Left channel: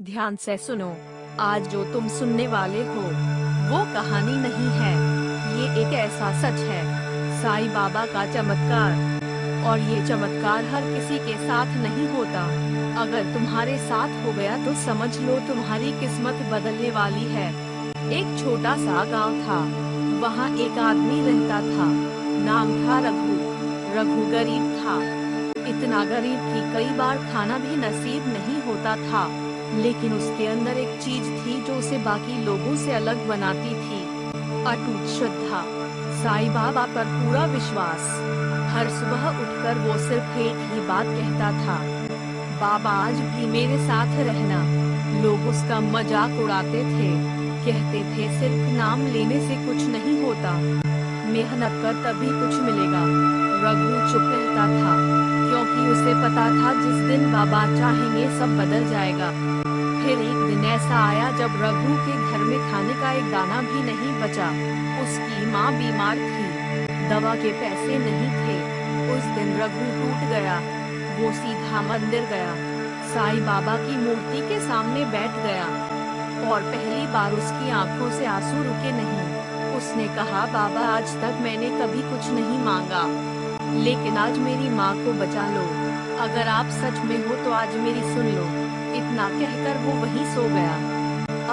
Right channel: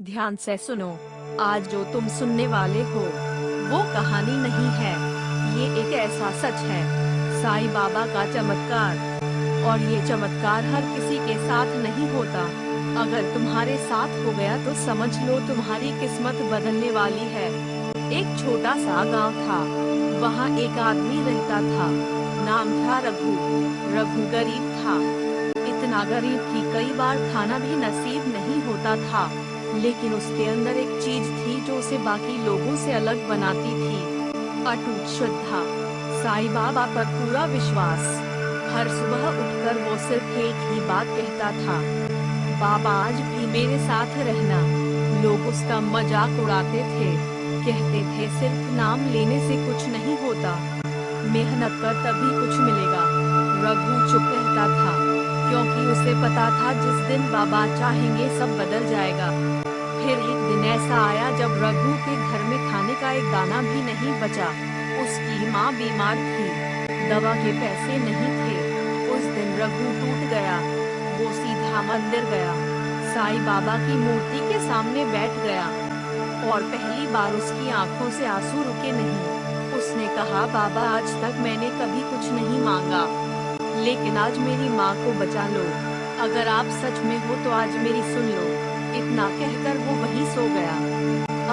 ध्यान से सुनो। आज जो तुम सुनने वाले हो वो कहानी नहीं है, ये एक ऐसा सच है, साईं बाबा का चमत्कार। और ये चमत्कार हर किसी के साथ नहीं होता। अगर तुम्हारे साथ हो गया तो समझ लो तुम्हारी किस्मत बदलने वाली है। एक छोटा सा गांव था, वहाँ एक आदमी रहता था। नाम था रघु। रघु गरीब था, इतना गरीब कि कई बार खाना भी नसीब नहीं होता था। लेकिन उसके अंदर एक चीज थी जो उसे बाकी लोगों से अलग बनाती थी, अटूट श्रद्धा, साईं बाबा पर पूरा विश्वास। हर सुबह उठकर वो सिर्फ एक ही बात कहता था, बाबा आज भी मेरे साथ रहना। लोग उसका मजाक उड़ाते थे, कहते थे सिर्फ नाम लेने से कुछ नहीं होता, मेहनत कर तभी कुछ मिलेगा। रघु चुप रहता था, क्योंकि उसे पता था जिस दिन बाबा चाहेंगे सब बदल जाएगा। फिर एक दिन ऐसा आया जब रघु के घर में खाने का एक दाना भी नहीं बचा। उसकी माँ बीमार थी, दवा के पैसे नहीं थे। उस दिन रघु टूट गया। वो सीधा मंदिर गया, साईं बाबा की मूर्ति के सामने बैठ गया और पहली बार उसकी आंखों से आंसू रुके नहीं। उसने कहा, बाबा आज तक मैंने कभी कुछ नहीं मांगा, लेकिन आज मेरी माँ को बचा लो। अगर आप सच में हो तो आज मेरी सुन लो। इतना कहकर वो वहीं सो गया।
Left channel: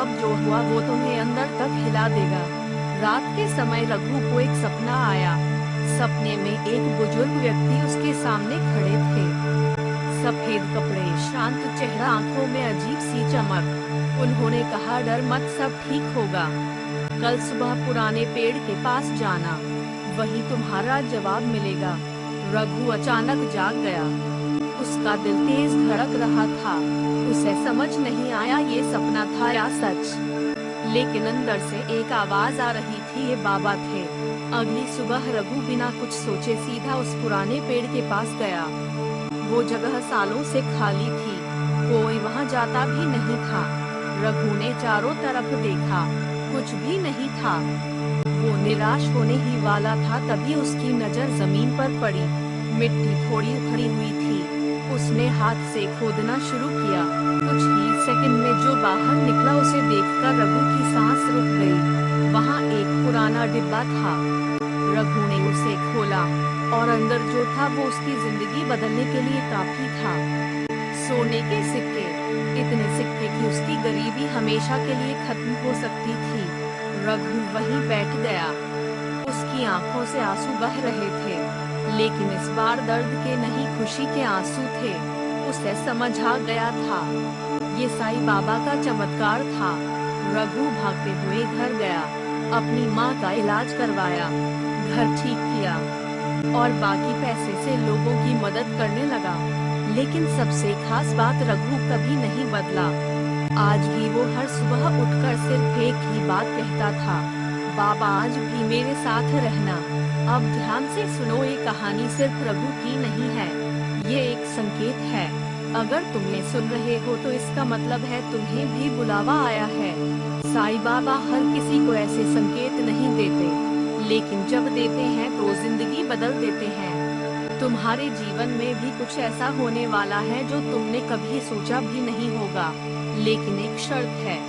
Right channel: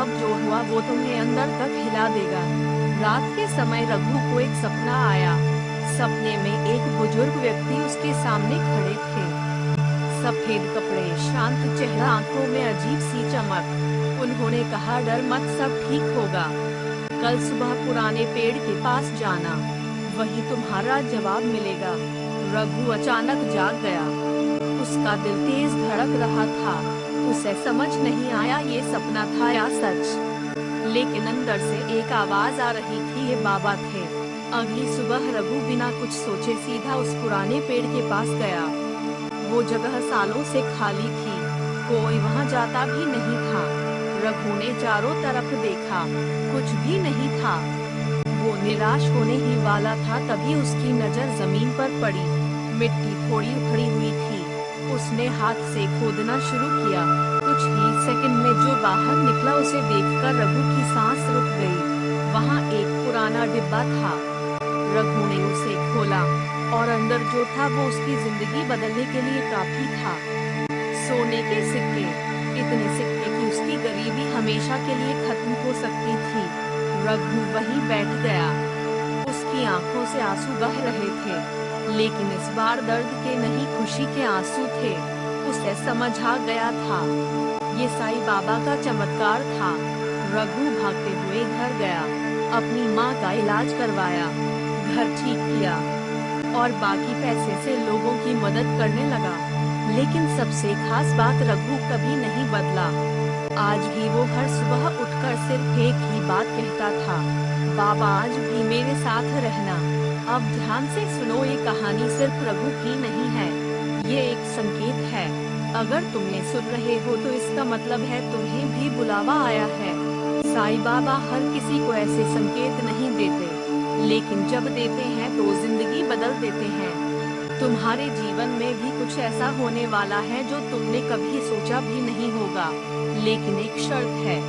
अब जो हुआ वो तुम्हें अंदर तक हिला देगा। रात के समय रघु को एक सपना आया। सपने में एक बुजुर्ग व्यक्ति उसके सामने खड़े थे, सफेद कपड़े, शांत चेहरा, आंखों में अजीब सी चमक। उन्होंने कहा, डर मत, सब ठीक होगा। कल सुबह पुराने पेड़ के पास जाना, वहीं तुम्हारा जवाब मिलेगा। रघु अचानक जाग गया। उसका दिल तेज धड़क रहा था। उसे समझ नहीं आया ये सपना था या सच, लेकिन अंदर से एक आवाज आ रही थी, ये बाबा थे। अगली सुबह रघु बिना कुछ सोचे सीधा उस पुराने पेड़ के पास गया। वो जगह सालों से खाली थी, कोई वहाँ जाता भी नहीं था। रघु ने चारों तरफ देखा, कुछ भी नहीं था। वो निराश होने ही वाला था, तभी उसकी नजर जमीन पर पड़ी। मिट्टी थोड़ी उखड़ी हुई थी। उसने हाथ से खोदना शुरू किया। कुछ ही सेकंड में जो बाहर निकला उसे देखकर रघु की सांस रुक गई। वहाँ एक पुराना डिब्बा था। रघु ने उसे खोला और अंदर जो था वो उसकी जिंदगी बदलने के लिए काफी था। सोने के सिक्के, इतने सिक्के कि उसकी गरीबी हमेशा के लिए खत्म हो सकती थी। रघु वहीं बैठ गया। उसकी आंखों से आंसू बह रहे थे, लेकिन इस बार दर्द के नहीं, खुशी के आंसू थे। उसे समझ आ गया था, ये साईं बाबा का चमत्कार था। रघु भागते हुए घर गया, अपनी माँ का इलाज करवाया, घर ठीक किया और बाकी पैसे से लोगों की मदद करने लगा। लेकिन सबसे खास बात, रघु कभी नहीं बदला। आज भी वो हर सुबह उठकर सिर्फ एक ही बात कहता था, बाबा आज भी मेरे साथ रहना। अब ध्यान से सुनो, ये कहानी सिर्फ रघु की नहीं है, ये एक संकेत है। अगर तुम ये सुन रहे हो तो इसका मतलब है तुम्हें भी बुलावा आया है। साईं बाबा हर किसी को ऐसे संकेत नहीं देते, लेकिन जब देते हैं तो जिंदगी बदल देते हैं। तुम्हारे जीवन में भी कुछ ऐसा होने वाला है जो तुमने कभी सोचा भी नहीं होगा, लेकिन एक शर्त है,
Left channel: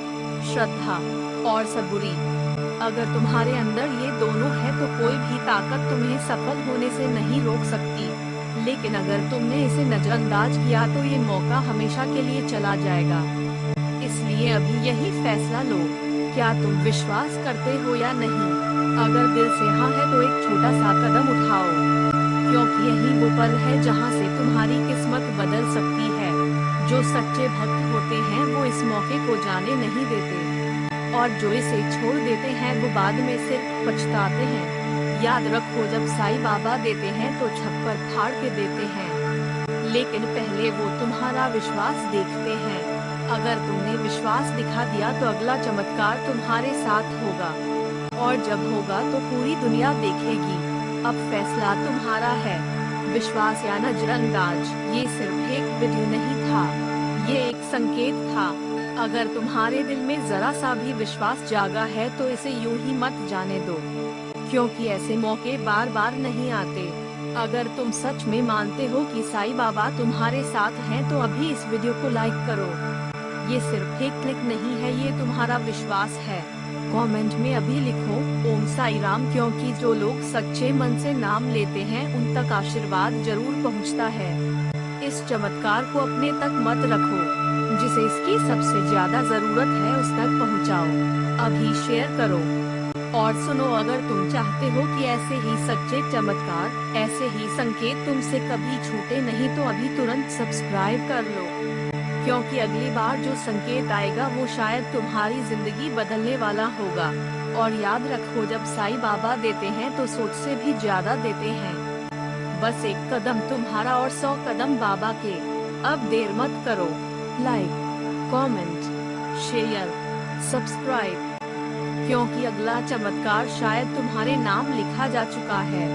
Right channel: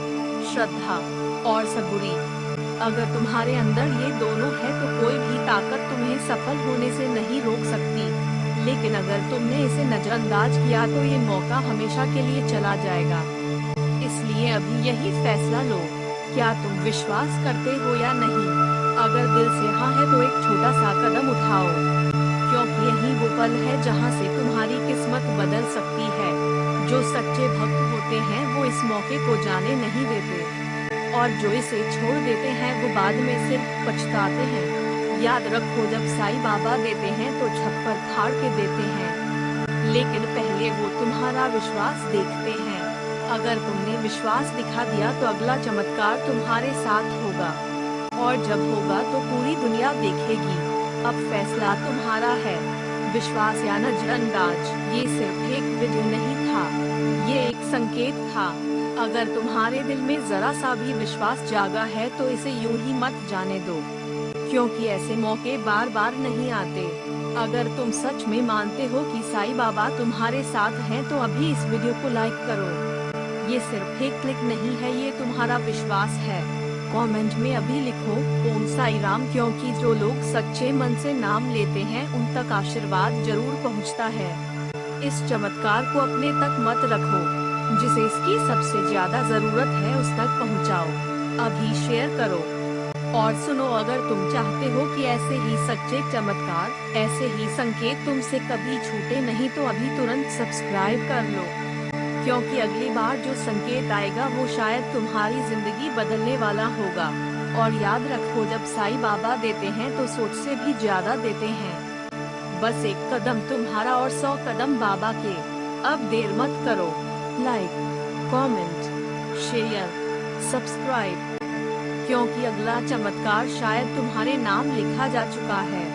श्रद्धा और सबूरी। अगर तुम्हारे अंदर ये दोनों है तो कोई भी ताकत तुम्हें सफल होने से नहीं रोक सकती। लेकिन अगर तुमने इसे नजरअंदाज किया तो ये मौका हमेशा के लिए चला जाएगा। इसलिए अभी यही फैसला लो, क्या तुम विश्वास करते हो या नहीं। अगर दिल से हाँ है तो एक छोटा सा कदम उठाओ, क्योंकि यही वो पल है जहाँ से तुम्हारी किस्मत बदल सकती है। जो सच्चे भक्त होते हैं वो इस मौके को जाने नहीं देते, और जो इसे छोड़ देते हैं वो बाद में सिर्फ पछताते हैं। याद रखो, जब साईं बाबा देते हैं तो छप्पर फाड़ के देते हैं, लेकिन पहले वो तुम्हारा विश्वास देखते हैं। अगर तुमने विश्वास दिखा दिया तो अगला चमत्कार तुम्हारे साथ होगा, और जब होगा तो पूरी दुनिया देखेगी। अब फैसला तुम्हारा है, विश्वास या नजरअंदाज। ये सिर्फ एक वीडियो नहीं था, ये एक संकेत था। अगर तुम्हारे दिल में जरा सा भी विश्वास जागा है तो इसे यूं ही मत जाने दो, क्योंकि ऐसे मौके बार बार नहीं आते। अगर तुम सच में मानते हो कि साईं बाबा तुम्हारे साथ हैं तो अभी इस वीडियो को लाइक करो। ये सिर्फ एक क्लिक नहीं है, ये तुम्हारा विश्वास है। कमेंट में अभी लिखो ओम साई राम, क्योंकि जो लोग सच्चे मन से नाम लेते हैं उन तक आशीर्वाद जरूर पहुंचता है। इस चमत्कार को अपने तक मत रखो, जिसे इसकी सबसे ज्यादा जरूरत है उस तक पहुंचाओ। अभी शेयर करो और सुनो। अगर तुम चाहते हो कि ऐसे ही सच्चे चमत्कार, ऐसे ही संकेत तुमसे कभी छूटे नहीं, तो अभी तुरंत सब्सक्राइब कर लो, क्योंकि अगली बार जो संकेत आएगा वो शायद तुम्हारी जिंदगी बदलने वाला होगा। और याद रखो, जब साईं बाबा देते हैं तो सोच से भी ज्यादा देते हैं। बस एक कदम तुम्हारा और 100 कदम बाबा के। अब देर मत करो, लाइक, कमेंट, शेयर, सब्सक्राइब, क्योंकि अगला चमत्कार शायद तुम्हारे नाम लिखा जा चुका है।